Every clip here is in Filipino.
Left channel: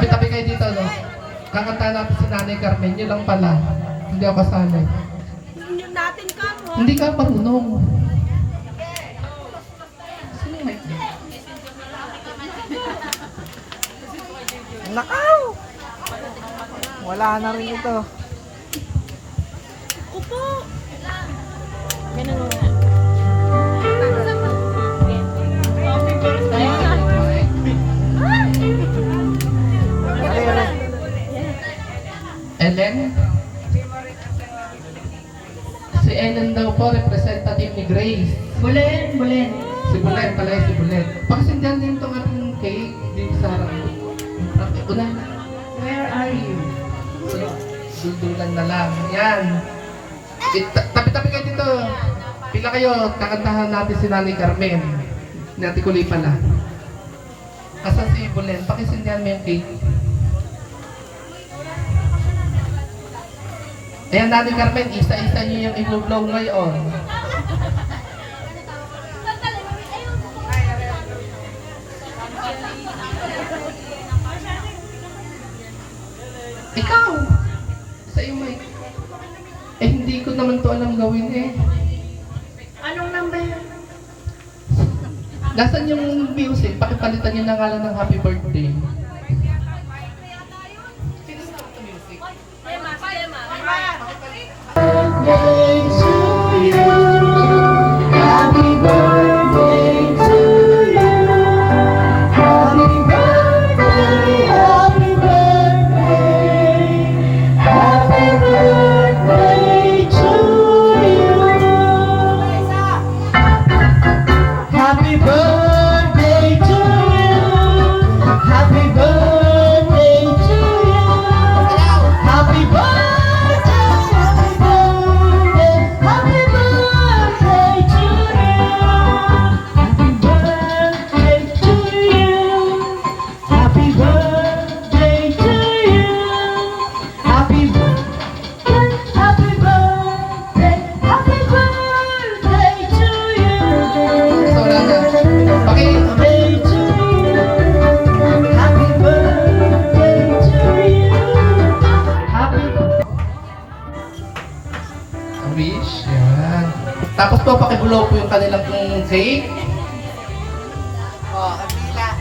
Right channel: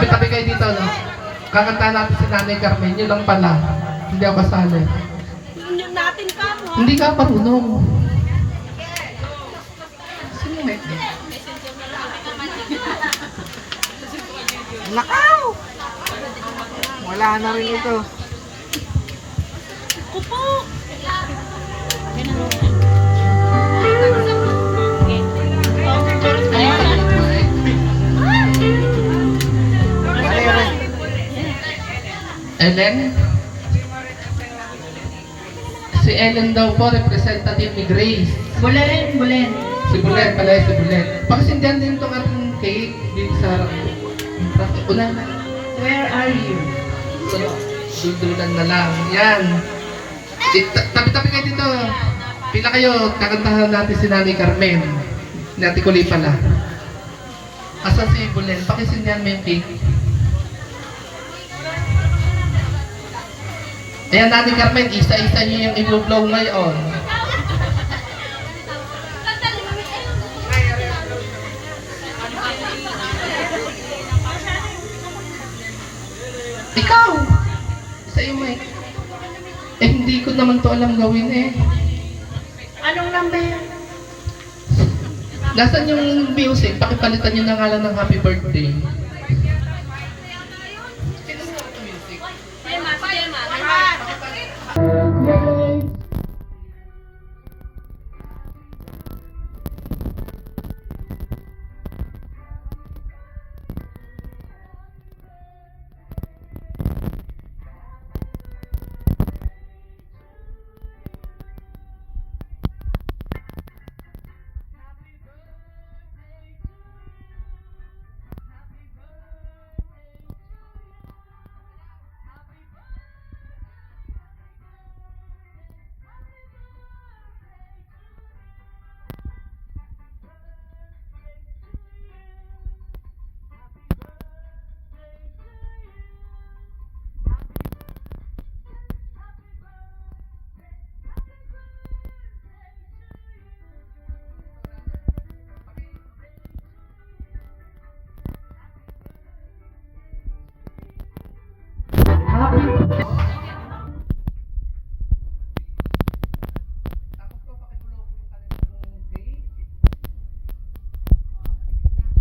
Tabi-tabi kayo dito, no? Kakantahan natin si Nanay Carmen. Yun lang pala. Hindi ako kasali. Yun natin ka mo. Hindi ka marunong. Sino may? Nakaw! Wala na rin ito. Kupo. Ellen? Si Ellen daw po, representative ni Grace. Bulen, bulen. Si Bulet pala, si Bulet. Pakisindihan din itong ating cake dito sa harap. Ulan na. Where are you? So, dudulan na lang. Yan. Tabi-tabi kayo dito. Pila kayo, kakantahan natin si Nanay Carmen. Ni Ate Kuli pala. Asan si Bulen? Pakisindihan mo yung cake. Ayan, Nanay Carmen, isa-isa niyo yung i-blow ngayon. Ikaw! Sa iyo, Mike. Eh, hindi ko naman to alam gawin eh. Anong number? Nasaan yung music? Pakipalitan nyo na nga lang ng happy birthday. Wish, yan. Tapos po, pakibulo po yung kanilang cake. Oh, kapila.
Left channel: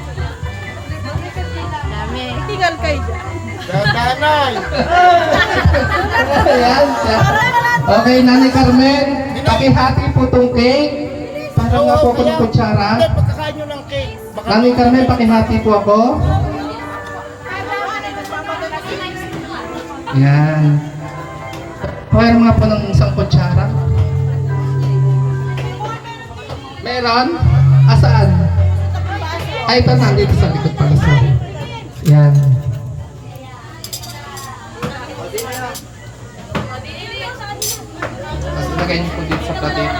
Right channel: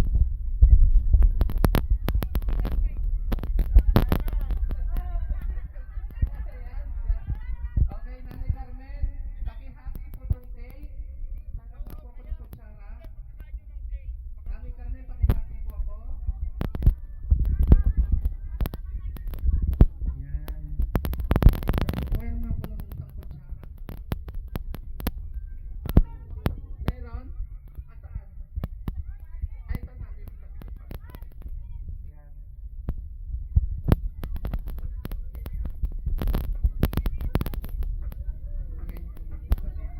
Tinggal kayo dyan. Dadanay! Ayan. Okay, Nanay Carmen, pakihati po itong cake. Para nga po ako ng kutsara. Hindi, pagkakain nyo ng cake. Baka Nanay Carmen, pakihati po ako. Yan. Mayroon nga po ng isang kutsara. Meron? Asaan? Ay, ito nandito sa likod pala. Sorry. Yan. Tapos ilagay niyo po dito sa platito.